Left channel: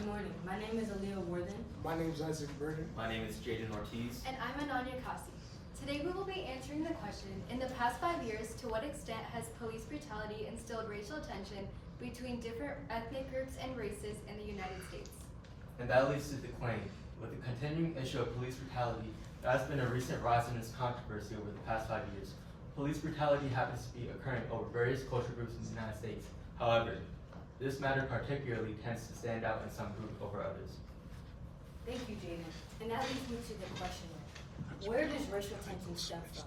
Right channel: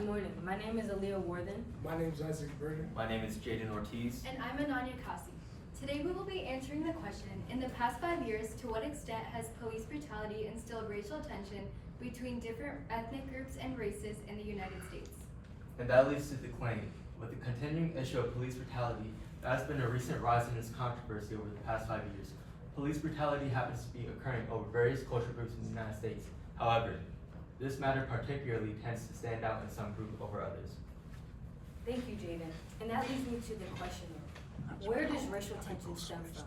Good morning. My name is Aaliyah Worthen. My name is Isaac Burden. My name is Jaden Ortiz. And I'm Ananya Kasi. Today we will be answering the question, in the past 5 years, to what extent has police brutality instilled racial tension between different ethnic groups and races in the United States? And that leads to the claim. With the continuing issue of police brutality, there has been a recent rise in this controversy over the past 5 years. Police brutality happens to be occurring over various cultural groups in the United States. However, this matter particularly tends to stand out in some groups over others. Thank you, Jaden. And that leads me to the question of, where does racial tension stem from?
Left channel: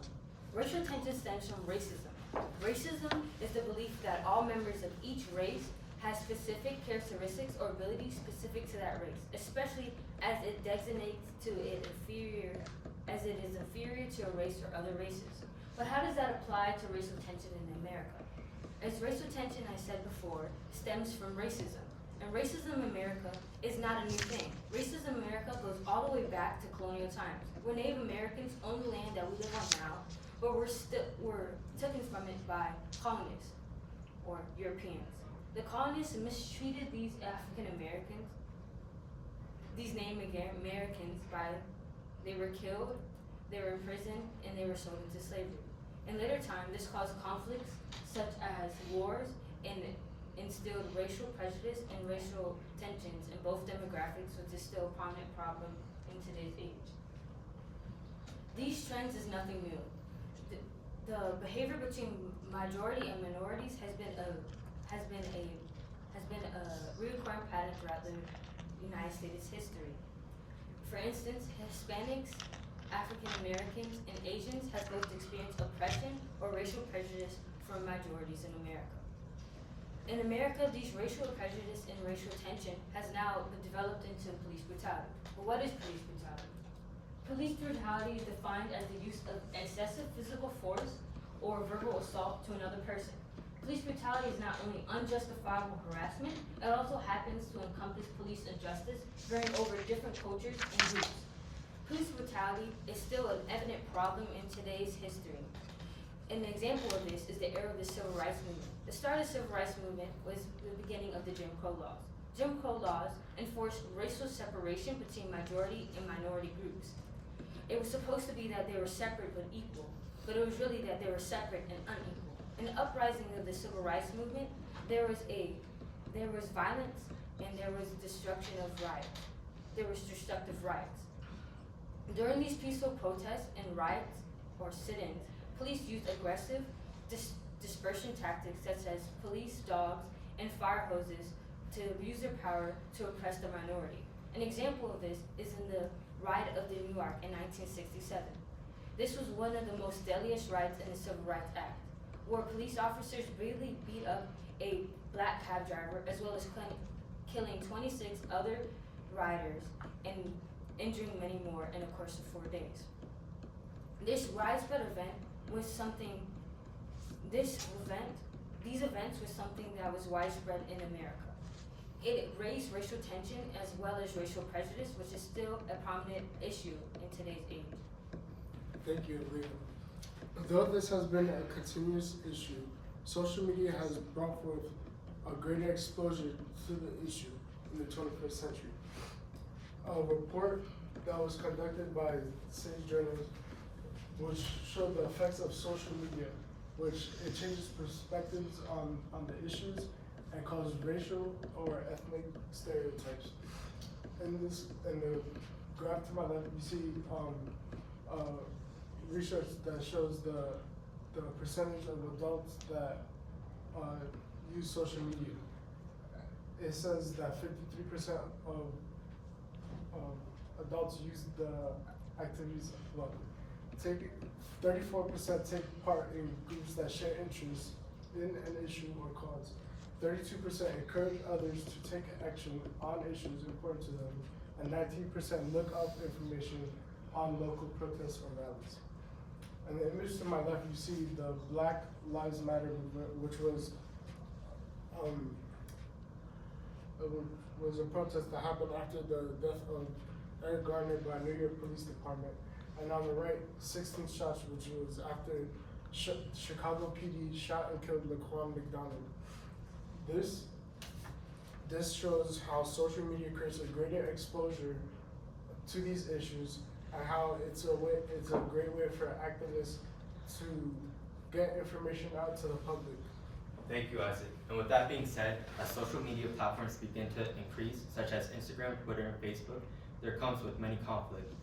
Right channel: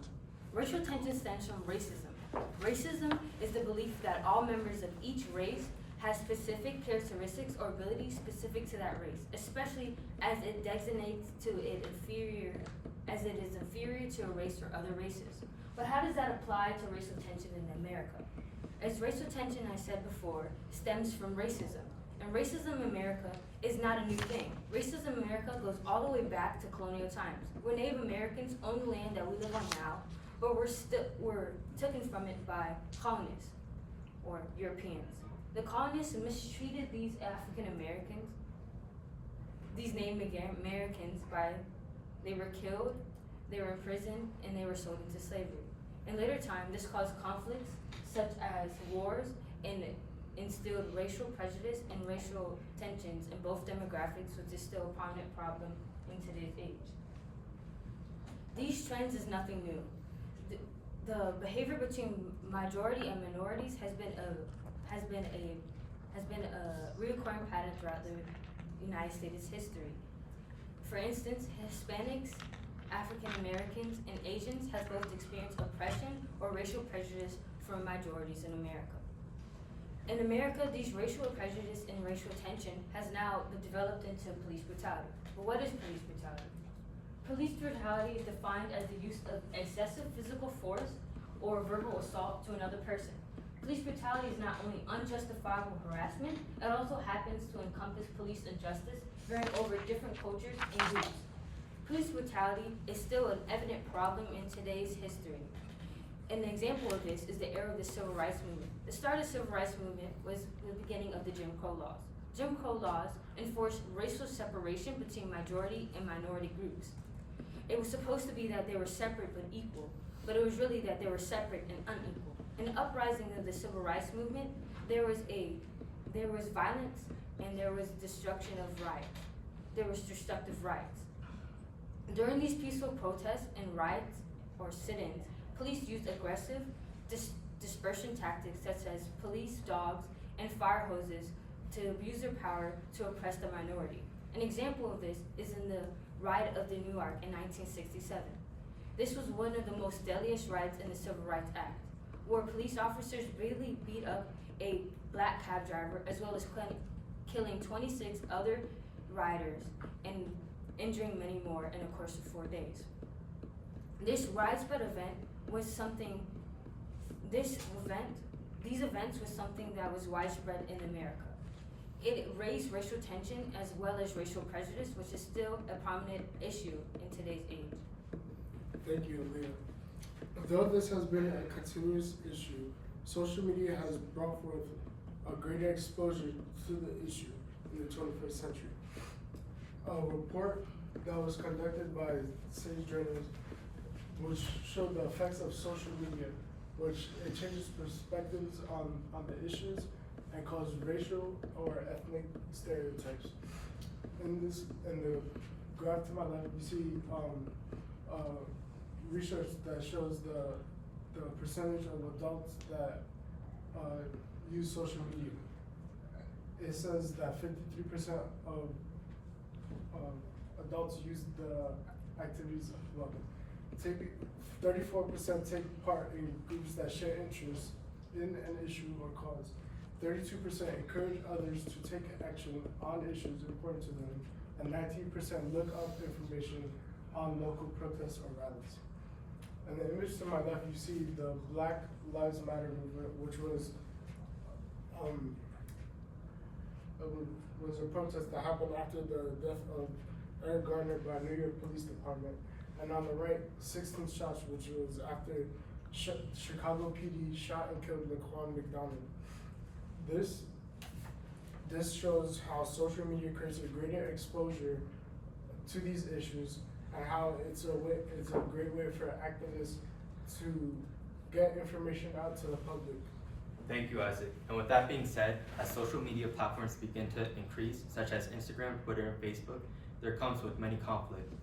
Racial tension stems from racism. Racism is the belief that all members of each race have specific characteristics or abilities specific to that race, especially as it designates to it inferior, as it is inferior to a race or other races. But how does that apply to racial tension in America? As racial tension, I said before, stems from racism. And racism in America is not a new thing. Racism in America goes all the way back to colonial times, where Native Americans owned the land that we live on now, but were taken from it by colonists or Europeans. The colonists mistreated these African Americans, these Native Americans, they were killed, they were imprisoned, and they were sold into slavery. In later time, this caused conflicts such as wars and instilled racial prejudice and racial tensions in both demographics, which is still a prominent problem in today's age. These trends is nothing new. The behavior between majority and minorities has been a recurring pattern throughout the United States history. For instance, Hispanics, African Americans, and Asians have both experienced oppression or racial prejudice from majorities in America. In America, these racial prejudice and racial tension has now developed into police brutality. But what is police brutality? Police brutality is defined as the use of excessive physical force or verbal assault to another person. Police brutality is not only unjustifiable harassment, it also happens to encompass police injustice varying over different cultures and groups. Police brutality is still an evident problem in today's history. An example of this is the era of the Civil Rights Movement. The start of the Civil Rights Movement was the beginning of the Jim Crow laws. Jim Crow laws enforced racial separation between majority and minority groups. It was supposed to be that they were separate but equal, but it was really that they were separate and unequal. In the uprising of the Civil Rights Movement, there was violence and there was destruction of riots. There was destructive riots. During these peaceful protests and riots or sit-ins, police used aggressive dispersion tactics such as police dogs and fire hoses to abuse their power to oppress the minority. An example of this is in the riot of New York in 1967. This was one of the most deadliest riots in the Civil Rights Act, where police officers brutally beat up a black cab driver as well as killing 26 other rioters and injuring many more in a course of 4 days. These events was something that was widespread in America. It raised racial tension as well as racial prejudice, which is still a prominent issue in today's age. Thank you, Aaliyah. Though this has been a continuous issue, social media has brought forth a greater exposure to the issue in the 21st century. A report that was conducted by Sage Journals, which showed the effects of social media, which it changes perspectives on the issues and causes racial or ethnic stereotypes. In the graph to my left, you see research that shows the percentage of adults that use social media. It says that 53% of adults use the activities of 34% take part in groups that share interests in an issue or cause. 32% encourage others to take action on issues important to them, and 19% look up information on local protests or rallies. In the image to my left, you see the Black Lives Matter movement, which was a protest that happened after the death of Eric Garner by New York Police Department. And on the right, 16 shots, which was after Chicago PD shot and killed Laquan McDonald. This This shows how social media creates a greater exposure to these issues and how it's a great way for activists to get information out to the public. Thank you, Isaac. And with that being said, as social media platforms begin to increase, such as Instagram, Twitter, and Facebook, there comes with many conflicts.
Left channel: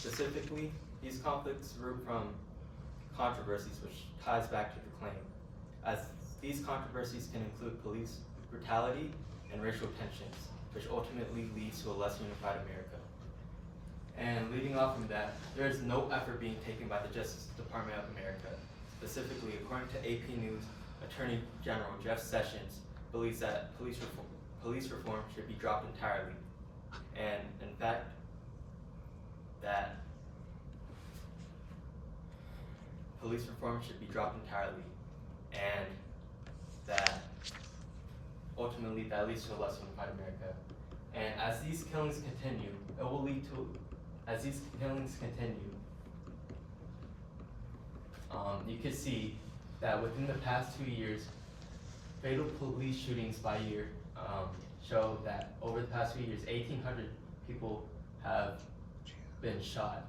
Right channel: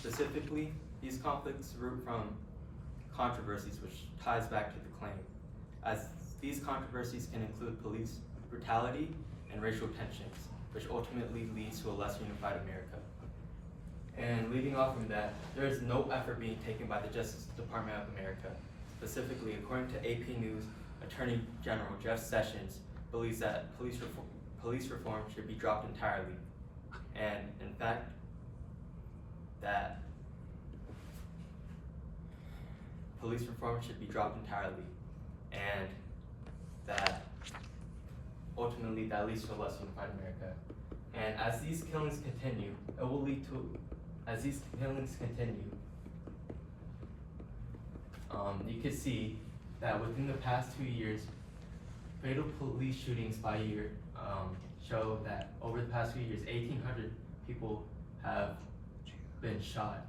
Specifically, these conflicts root from controversies, which ties back to the claim, as these controversies can include police brutality and racial tensions, which ultimately leads to a less unified America. And leading off from that, there is no effort being taken by the Justice Department of America. Specifically, according to AP News, Attorney General Jeff Sessions believes that police reform should be dropped entirely. And in fact, that police reform should be dropped entirely, and that ultimately that leads to a less unified America. And as these killings continue, you can see that within the past 2 years, fatal police shootings by year show that over the past few years, 1,800 people have been shot.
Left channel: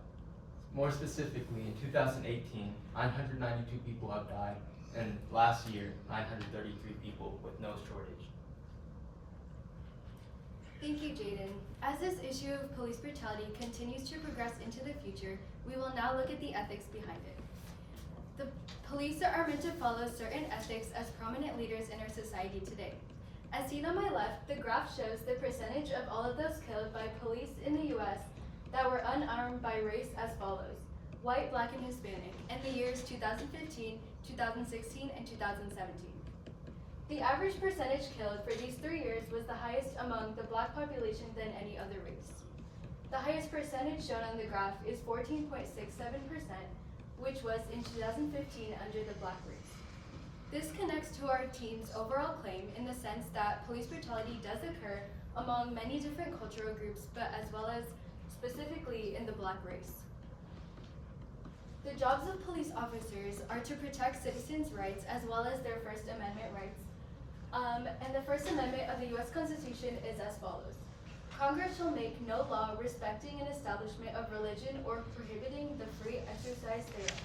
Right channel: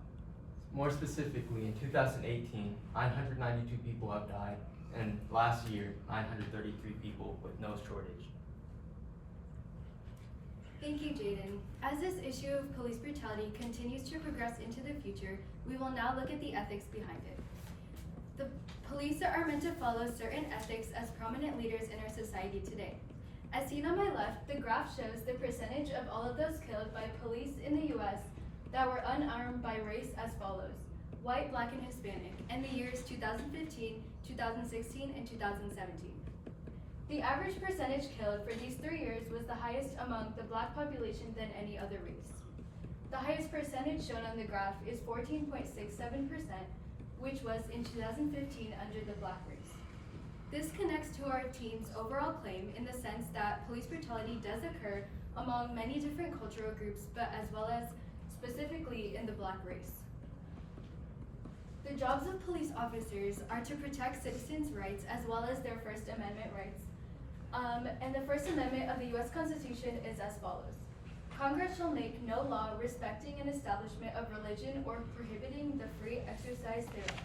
More specifically, in 2018, 992 people have died, and last year, 933 people with no shortage. Thank you, Jaden. As this issue of police brutality continues to progress into the future, we will now look at the ethics behind it. The police are meant to follow certain ethics as prominent leaders in our society today. As seen on my left, the graph shows the percentage of all of those killed by police in the US that were unarmed by race as follows: white, black, and Hispanic, in the years 2015, 2016, and 2017. The average percentage killed for these 3 years was the highest among the black population than any other race. The highest percentage shown on the graph is 14.67%, which was in 2015 under the black race. This connects to our team's overall claim in the sense that police brutality does occur among many different cultural groups, but as well as specifically in the black race. The jobs of police officers are to protect citizens' rights as well as their First Amendment rights. And the First Amendment of the U.S. Constitution is as follows: Congress shall make no law respecting an establishment of religion or prohibiting the free exercise thereof,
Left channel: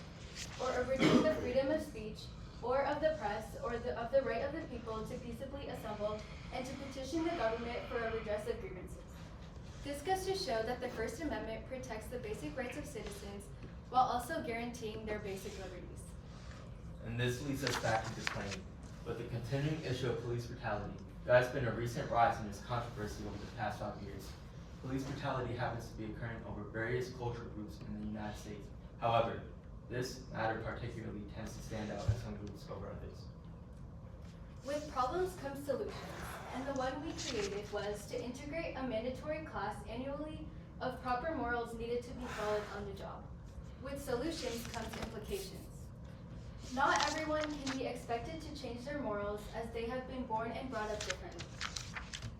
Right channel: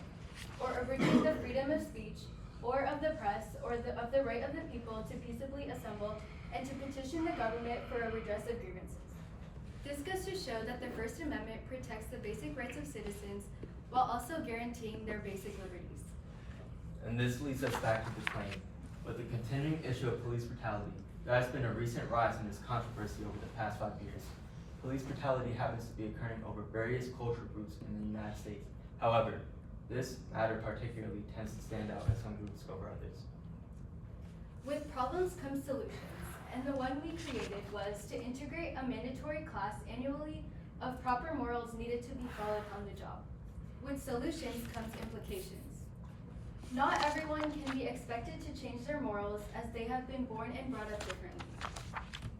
or abridging the freedom of speech, or of the press, or of the right of the people to peaceably assemble and to petition the government for a redress of grievances. This goes to show that the First Amendment protects the basic rights of citizens while also guaranteeing their basic liberties. And this leads us back to the claim. With the continuing issue of police brutality, there has been a recent rise in this controversy over the past 5 years. Police brutality happens to be occurring over various cultural groups in the United States. However, this matter particularly tends to stand out in some groups over others. With problems come solutions, and the one we created was to integrate a mandatory class annually of proper morals needed to be followed on the job. With solutions comes implications. Not everyone can be expected to change their morals as they have been born and brought up differently.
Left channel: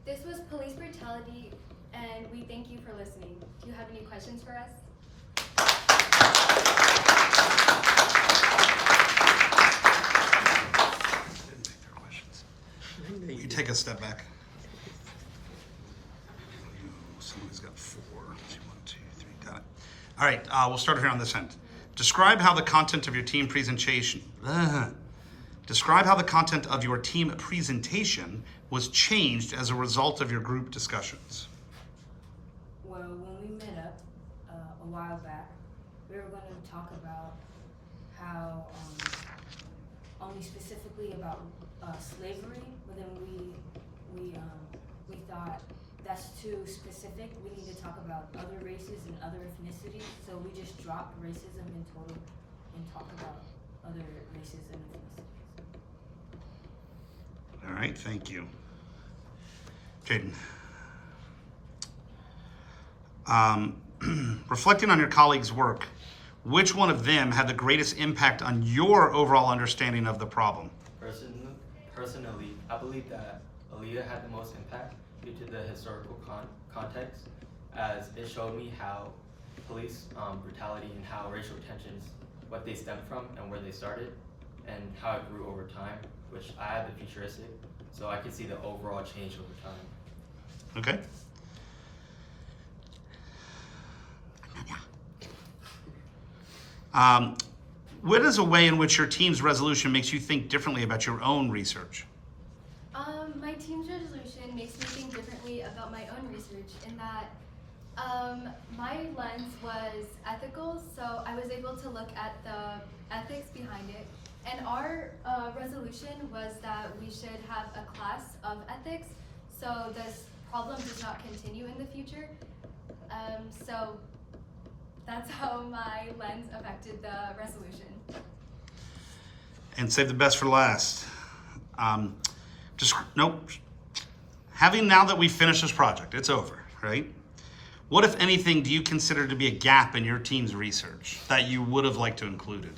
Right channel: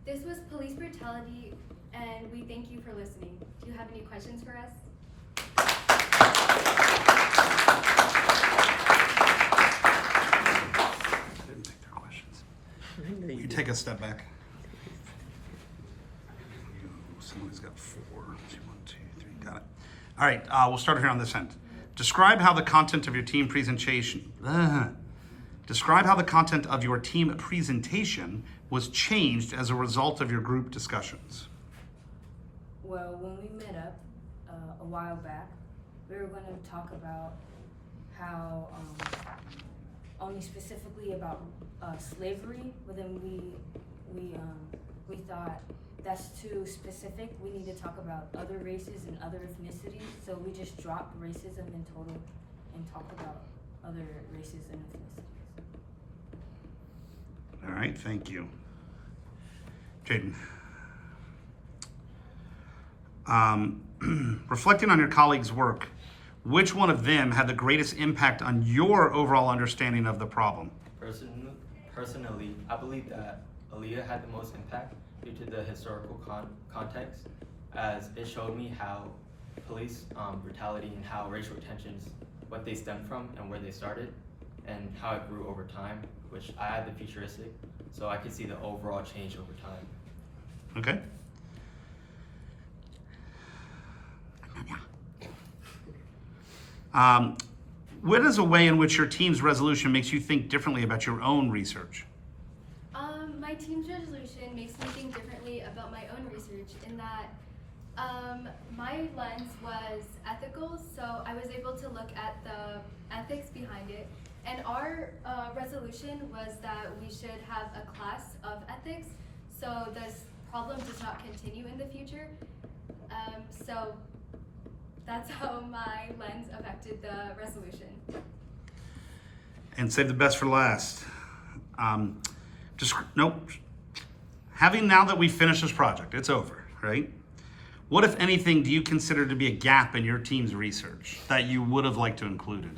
This was police brutality, and we thank you for listening. Do you have any questions for us? Didn't take their questions. Will you take a step back? Somebody's got 4. 1, 2, 3, got it. All right, we'll start here on this end. Describe how the content of your team presentation. Describe how the content of your team presentation was changed as a result of your group discussions. Well, when we met up a while back, we were going to talk about how only specifically about slavery, but then we thought that's too specific. We need to talk about other races and other ethnicities, so we just dropped racism in total and talked about other races and ethnicities. All right, thank you. Jaden. Reflecting on your colleagues' work, which one of them had the greatest impact on your overall understanding of the problem? Personally, I believe that Aaliyah had the most impact due to the historical context, as it showed me how police brutality and how racial tensions, what they stemmed from and where they started, and how it grew over time, which I had the futuristic So I could see the overall change over time. Okay. What is a way in which your team's resolution makes you think differently about your own research? My team's resolution makes me think differently about my own research in that my lens was ethical, so I was able to look at the ethics behind it. And our resolution was that we should have a class of ethics, so this problem does not continue in the future. So that's how my lens affected the resolution. And save the best for last. Nope. Having now that we've finished this project, it's over, right? What, if anything, do you consider to be a gap in your team's research that you would have liked to included?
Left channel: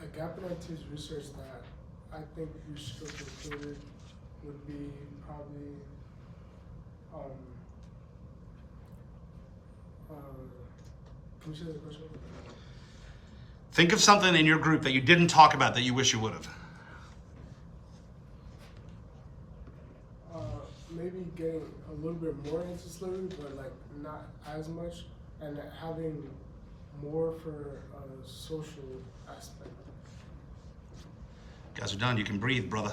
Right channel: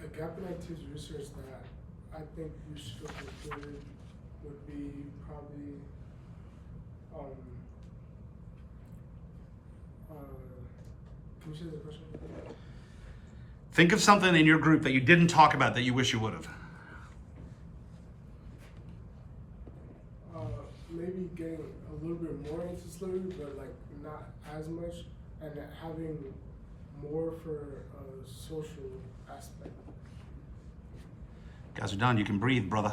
A gap in our team's research that I think we should have included would be probably can you say the question? Think of something in your group that you didn't talk about that you wish you would have. Maybe getting a little bit more into slavery, but like not as much, and having more for a social aspect. Guys are done. You can breathe, brother.